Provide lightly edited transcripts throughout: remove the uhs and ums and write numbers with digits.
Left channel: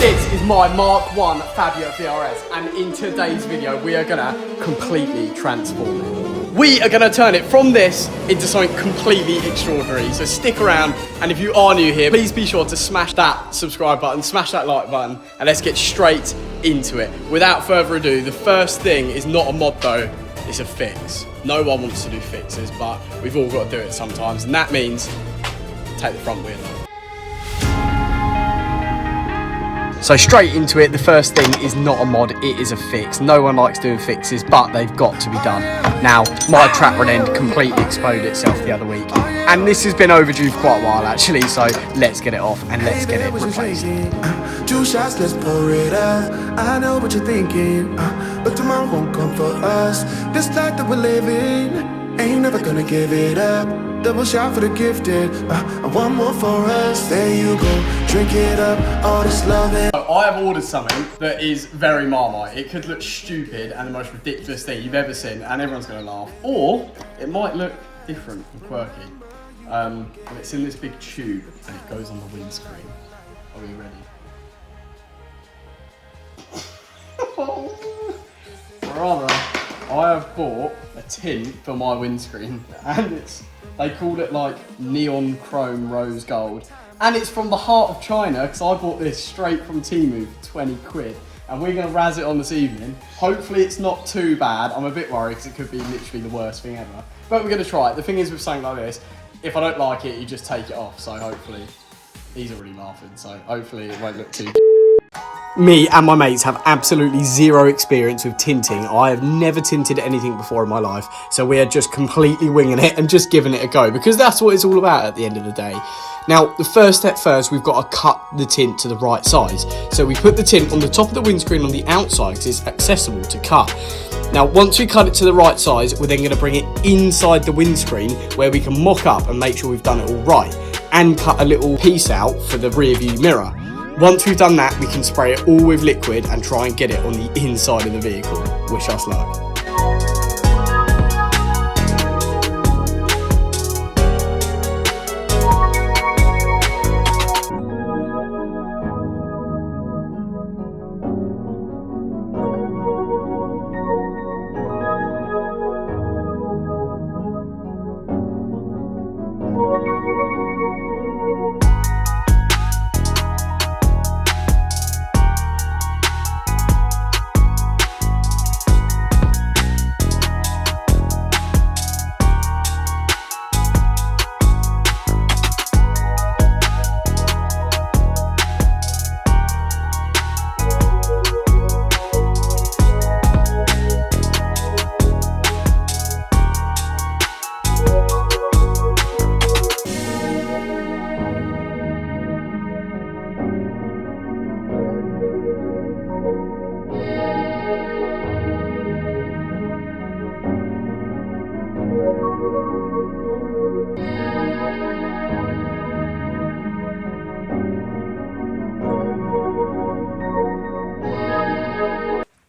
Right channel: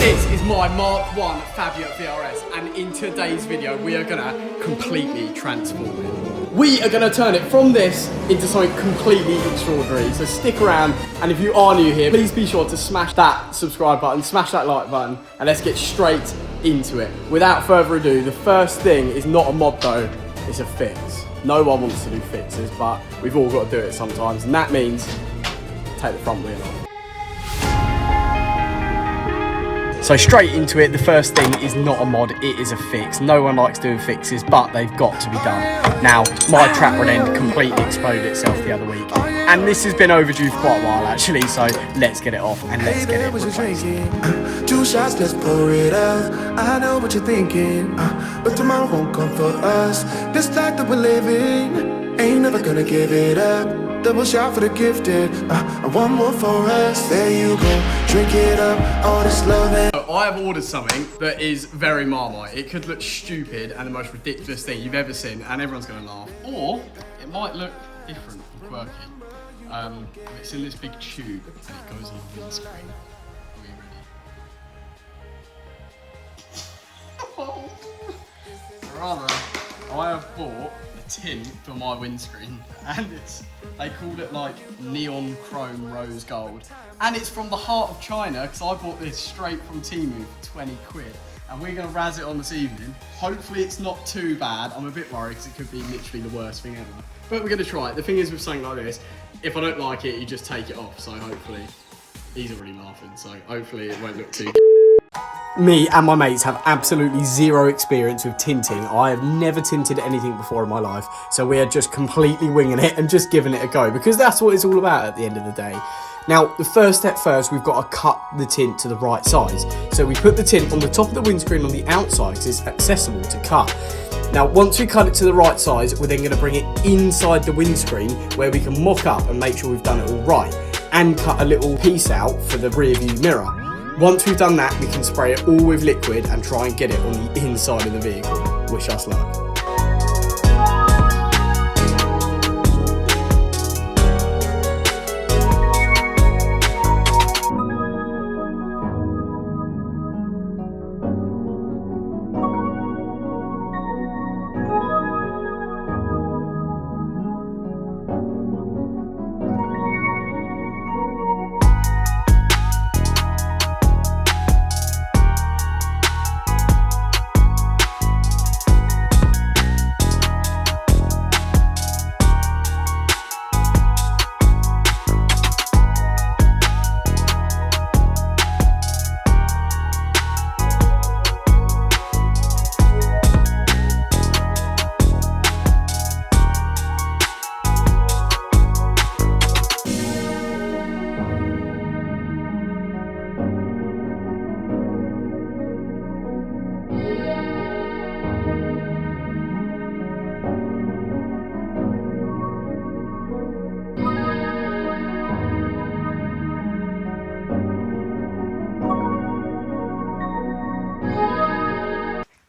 This is my Mark 1 Fabia Vrs, and in today's video we are gonna completely transform it. We are gonna turn it from this into something completely extraordinary, so stick around, and if you are new here, please be sure to smash that subscribe button, smash that like button, and let's get straight into it. Without further ado, the first thing is not a mod though, it's a fix. No one wants to do fixes, but we've all got to do it sometimes, and that means take the front wheel off. So straight into it, the first thing is not a mod, it is a fix. No one likes doing fixes, but they've got to be done. Now, my trap rod end completely exploded itself the other week, and this has been overdue for quite a while actually, so let's get it off and let's get it replaced. 2 shots, let's pour it out. I know what you're thinking, but tomorrow won't come for us. This life that we're living, ain't never gonna give it up. Double shot for the gifted, and one more for us. There you go, drink it up, all this love and I have ordered something that is very Marmite. It could look stupid and the most ridiculous thing you've ever seen, and everyone's gonna laugh. Or it might look different and quirky. It's in this big tube and it goes on the windscreen. Are we ready? Rather, I have bought a tint for my windscreen, and they called it like neon chrome rose gold, and it's from the heart of China because I bought this straight from Temu for 20 quid, and we're gonna razz it on this evening. Hopefully it's not too bad. I'm a bit worried because it could be literally the worst thing ever, but we're gonna try it. The thing is with something like this, if I don't like it, you just take it off, so hopefully, he's already laughing, so hopefully it won't look too. Me and my mates have absolutely zero experience with tinting. I have never tinted anything before in my life, so we are just completely winging it and just giving it a go, because that's what it's all about at the end of the day. Now, the first step first, we've got to cut the tint to the right size. So we put the tint on the top of the windscreen on the outside because it's accessible to cut. Now, once we cut it to the right size, we're then going to bring it inside the windscreen where we can mock up and make sure we've done it all right, and cut a little piece out for the rear view mirror. Once we've done that, we can spray it all with liquid and try and get it on the inside of the vehicle. Wish us luck.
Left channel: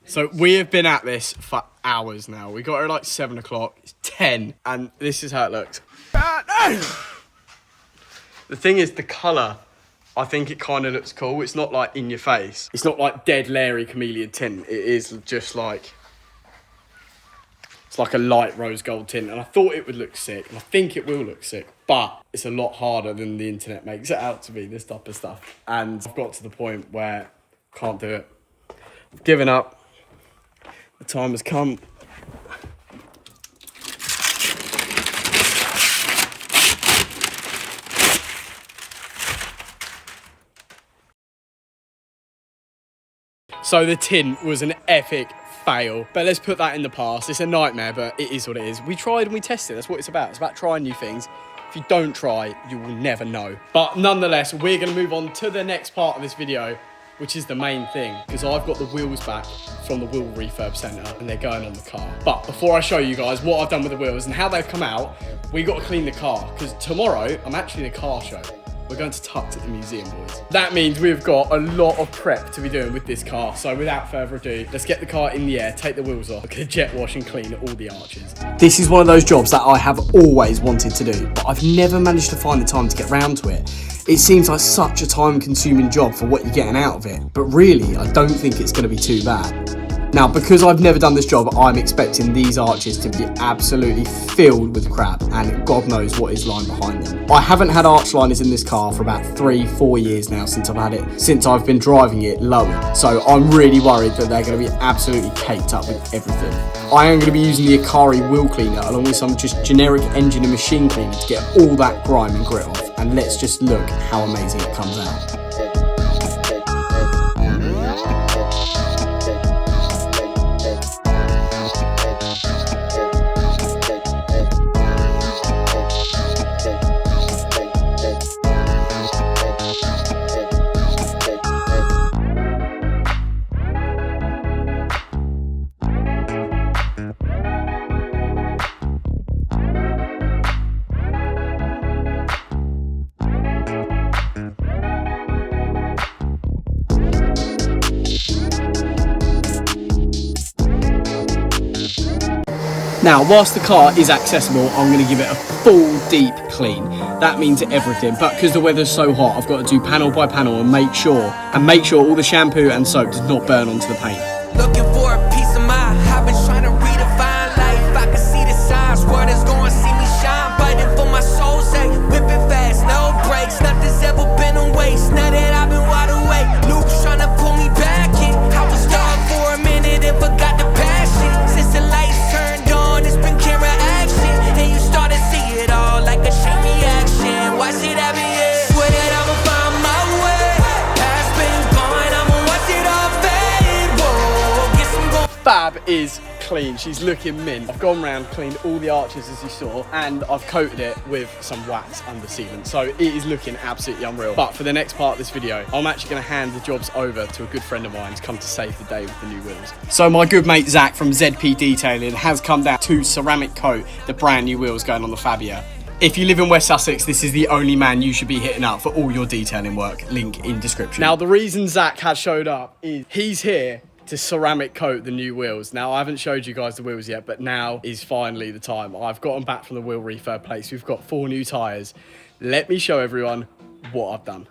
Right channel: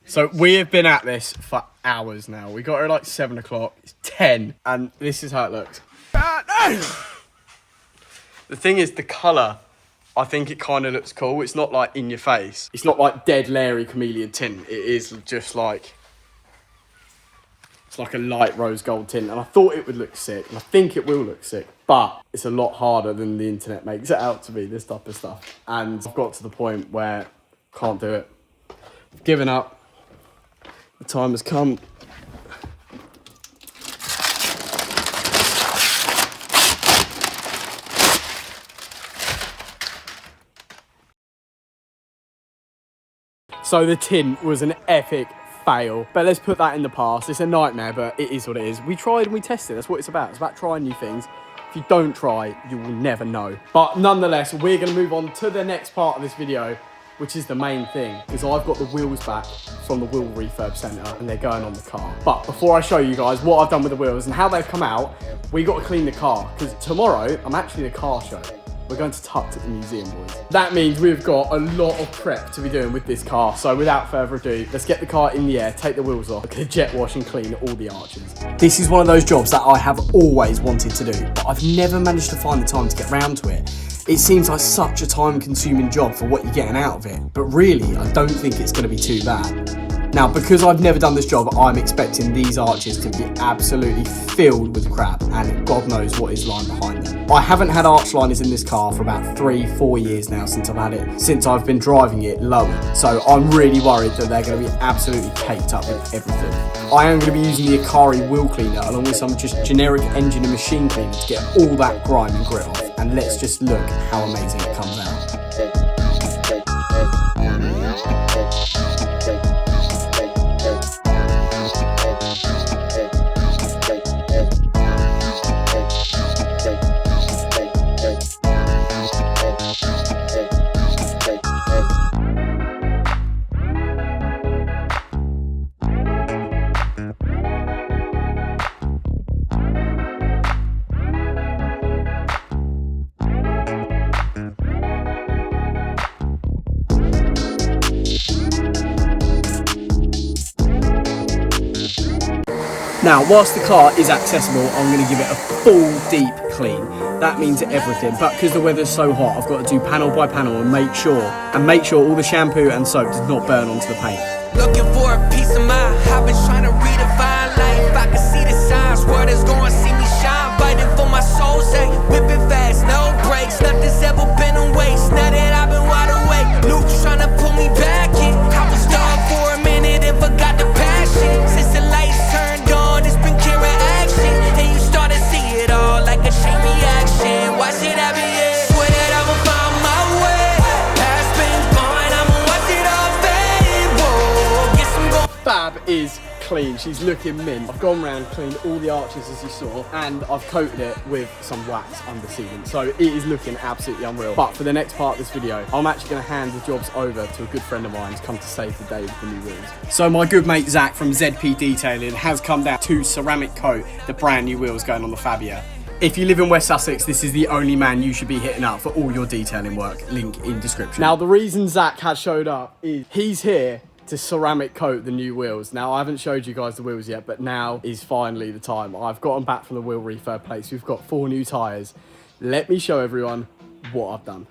So we have been at this for hours now. We got here like 7 o'clock, it's 10, and this is how it looks. The thing is, the colour, I think it kind of looks cool. It's not like in your face. It's not like dead Larry chameleon tint. It is just like, it's like a light rose gold tint, and I thought it would look sick, and I think it will look sick, but it's a lot harder than the internet makes it out to be, this type of stuff. And I've got to the point where I can't do it. I've given up. The time has come. So the tint was an epic fail, but let's put that in the past. It's a nightmare, but it is what it is. We tried and we tested. That's what it's about. It's about trying new things. If you don't try, you will never know. But nonetheless, we're going to move on to the next part of this video, which is the main thing, because I've got the wheels back from the wheel refurb centre and they're going on the car. But before I show you guys what I've done with the wheels and how they've come out, we got to clean the car, because tomorrow I'm actually in a car show. we're going to Tucked at the museum, boys. That means we've got a lot of prep to be doing with this car. So without further ado, let's get the car in the air, take the wheels off, jet wash and clean all the arches. This is one of those jobs that I have always wanted to do, but I've never managed to find the time to get round to it. It seems like such a time-consuming job for what you're getting out of it, but really, I don't think it's going to be too bad. Now, because I've never done this job, I'm expecting these arches to be absolutely filled with crap, and God knows what is lying behind them. I haven't had arch liners in this car for about 3-4 years now since I've been driving it lowered. So I'm really worried that they're going to be absolutely caked up with everything. I am going to be using the Akari wheel cleaner along with some just generic engine and machine cleaner to get all that grime and grit off. And let's just look how amazing it comes out. Now, whilst the car is accessible, I'm going to give it a full deep clean. That means everything, but because the weather's so hot, I've got to do panel by panel and make sure all the shampoo and soap does not burn onto the paint. Looking for a piece of mind, I've been trying to redefine life. I can see the signs, world is gonna see me shine. Fighting for my soul's sake, whipping fast, no brakes. Nothing's ever been a waste, now that I've been wide awake. Luke's trying to pull me back in. I was stuck for a minute and forgot the passion. Since the lights turned on, it's been camera action. And you start to see it all like a chain reaction. Watch it happen, yeah. Swear that I'ma find my way. Past been gone, I'ma watch it all fade. Whoa, get some going. Fab is clean, she's looking mint. I've gone round, cleaned all the arches as you saw, and I've coated it with some wax under sealant. So it is looking absolutely unreal. But for the next part of this video, I'm actually going to hand the jobs over to a good friend of mine who's come to save the day with the new wheels. So my good mate Zach from ZP Detailing has come down to ceramic coat the brand new wheels going on the Fabia. If you live in West Sussex, this is the only man you should be hitting up for all your detailing work. Link in description. Now, the reason Zach has showed up is he's here to ceramic coat the new wheels. Now, I haven't showed you guys the wheels yet, but now is finally the time. I've gotten back from the wheel refurb place. We've got 4 new tyres. Let me show everyone what I've done.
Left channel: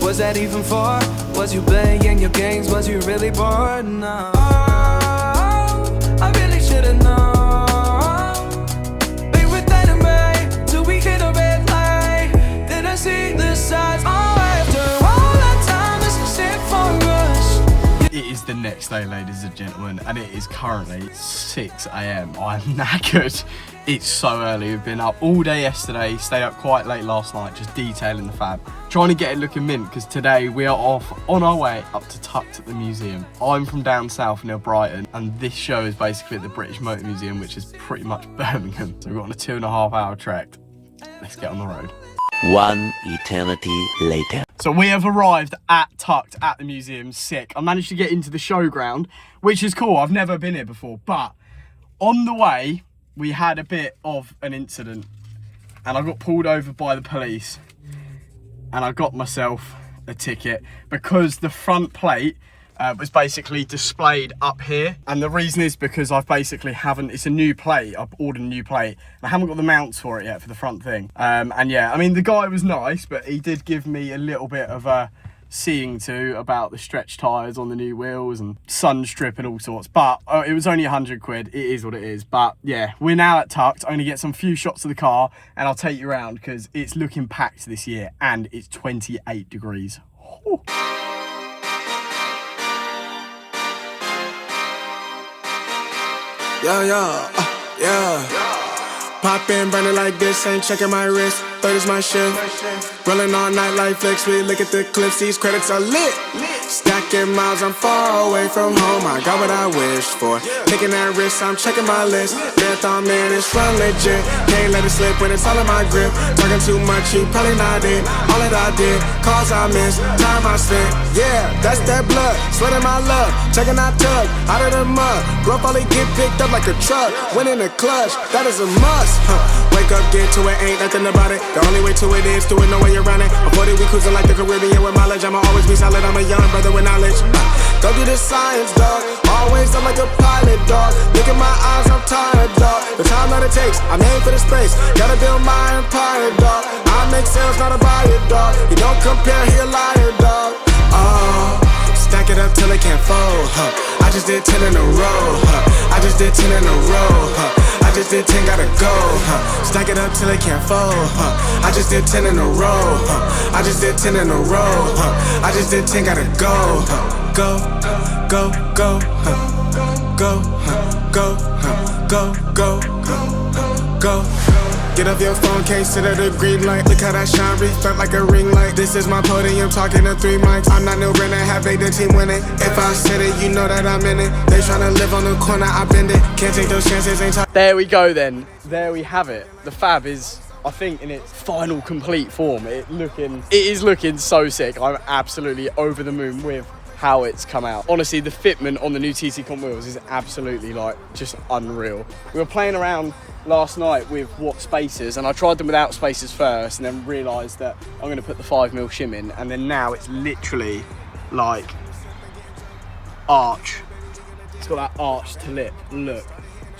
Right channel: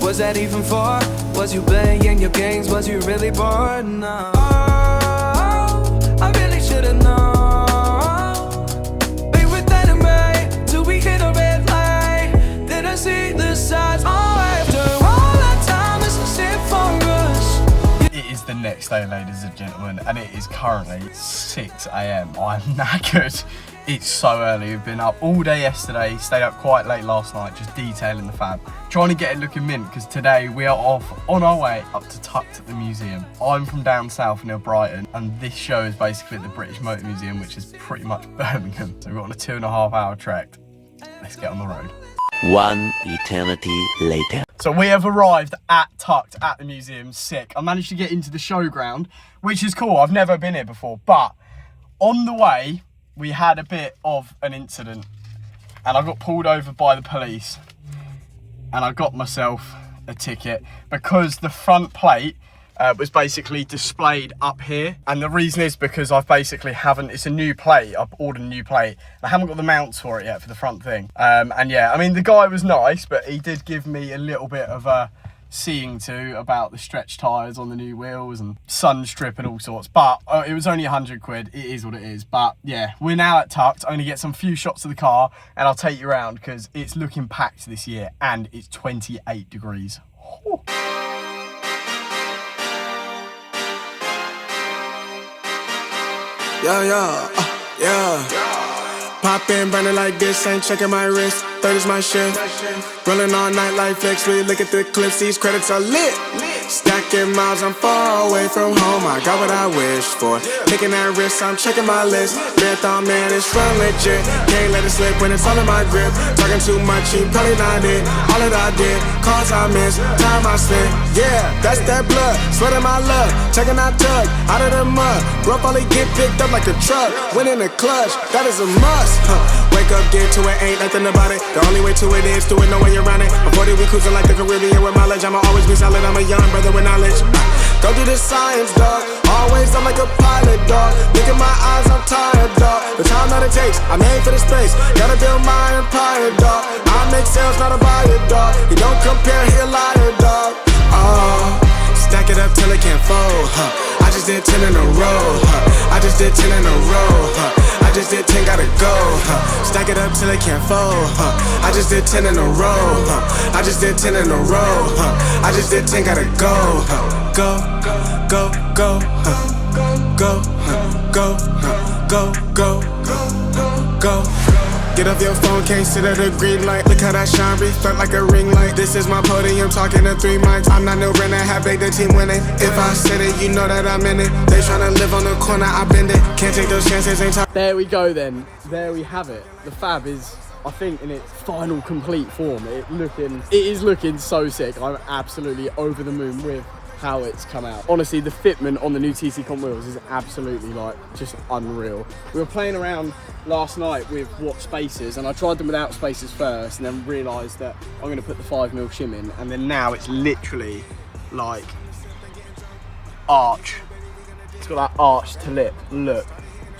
Was that even for? Was you playing your games? Was you really bored? No. I really should've known. Be with anime till we hit a red light. Then I see the signs. Oh, after all that time, this is it for us. It is the next day, ladies and gentlemen, and it is currently 6 AM. I'm knackered. It's so early. We've been up all day yesterday, stayed up quite late last night, just detailing the Fab. Trying to get it looking mint, because today we are off on our way up to Tucked at the museum. I'm from down south near Brighton, and this show is basically at the British Motor Museum, which is pretty much Birmingham. So we're on a 2.5 hour trek. Let's get on the road. 1 eternity later. So we have arrived at Tucked at the museum. Sick. I managed to get into the showground, which is cool. I've never been here before, but on the way, we had a bit of an incident and I got pulled over by the police and I got myself a ticket because the front plate was basically displayed up here, and the reason is because I've basically it's a new plate. I've ordered a new plate and I haven't got the mounts for it yet for the front thing. And yeah, I mean, the guy was nice, but he did give me a little bit of a seeing to about the stretch tires on the new wheels and sun strip and all sorts, but it was only 100 quid. It is what it is. But yeah, we're now at Tucked. I'm gonna get some few shots of the car and I'll take you around because it's looking packed this year and it's 28 degrees. Ooh. Yeah. Pop in, burning like this, ain't checking my wrist. Third is my shift. Rolling all night like flex. We look at the clips, these credits are lit. Stacking miles, I'm far away from home. I got what I wished for. Taking that risk, I'm checking my list. Marathon man, it's run legit. Can't let it slip when it's all in my grip. Talking too much, he probably not it. All that I did, calls I missed, time I spent. Yeah, that's that blood, sweating my love. Checking out Tug, out of the mud. Rough only get picked up like a truck. Winning the clutch, that is a must. Wake up, get to it, ain't nothing about it. The only way to it is do it, no way around it. Before that we cruising like the Caribbean with mileage. I'ma always be solid, I'm a young brother with knowledge. Go do the science, dog. Always I'm like a pilot, dog. Look at my eyes, I'm tired, dog. The time that it takes, I made for the space. Gotta build my empire, dog. I make sales, not a buyer, dog. You don't compare, he a liar, dog. Stack it up till it can't fold, I just did 10 in a row, I just did 10 in a row, I just did 10, gotta go, Stack it up till it can't fold, I just did 10 in a row, I just did 10 in a row, I just did 10, gotta go, go, go, go, go, go, go, go, go. Get off your phone, can't sit at a green light. Look how that shine reflect like a ring light. This is my podium, talking to 3 mics. I'm not no Brenner, have they the team winning. If I said it, you know that I'm in it. They tryna live on the corner, I bend it. Can't take those chances, ain't talking. There we go then. There we have it. The Fab is, I think, in its final complete form. It is looking so sick. I'm absolutely over the moon with how it's come out. Honestly, the fitment on the new TC Comp wheels is absolutely like just unreal. We were playing around last night with what spacers, and I tried them without spacers first and then realised that I'm gonna put the 5mm shim in, and then now it's literally like arch. It's got that arch to lip, look.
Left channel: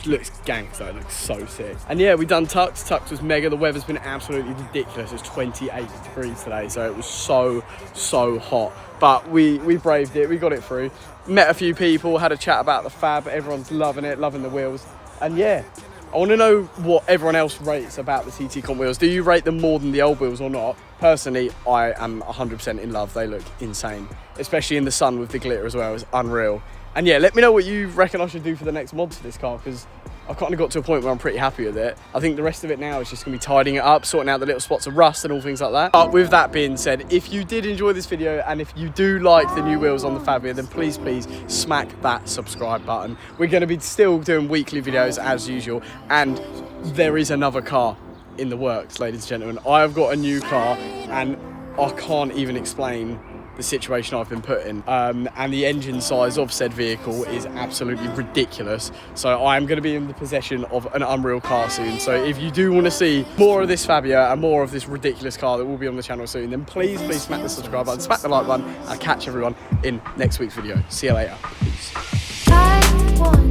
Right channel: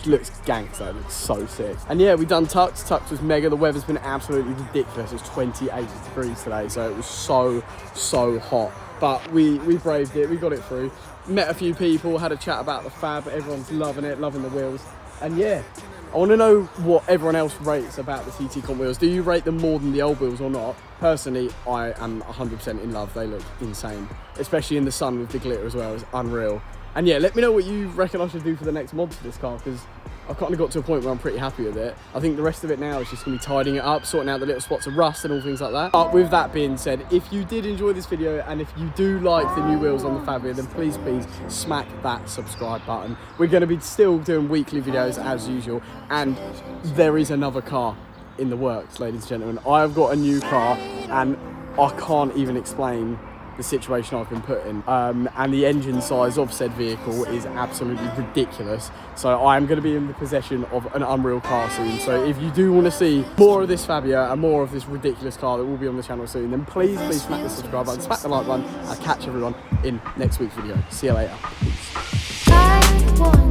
It looks gangster, it looks so sick. And yeah, we done Tucked. Tucked was mega. The weather's been absolutely ridiculous. It's 28 degrees today, so it was so hot. But we braved it, we got it through. Met a few people, had a chat about the Fab. Everyone's loving it, loving the wheels. And yeah, I want to know what everyone else rates about the TT Comp wheels. Do you rate them more than the old wheels or not? Personally, I am 100% in love. They look insane, especially in the sun with the glitter as well. It's unreal. And yeah, let me know what you reckon I should do for the next mod for this car, because I've kind of got to a point where I'm pretty happy with it. I think the rest of it now is just going to be tidying it up, sorting out the little spots of rust and all things like that. But with that being said, if you did enjoy this video and if you do like the new wheels on the Fabia, then please smack that subscribe button. We're going to be still doing weekly videos as usual, and there is another car in the works, ladies and gentlemen. I have got a new car and I can't even explain the situation I've been put in, and the engine size of said vehicle is absolutely ridiculous. So I am going to be in the possession of an unreal car soon. So if you do want to see more of this Fabia and more of this ridiculous car that will be on the channel soon, then please smack the subscribe button, smack the like button. I'll catch everyone in next week's video. See you later. Peace.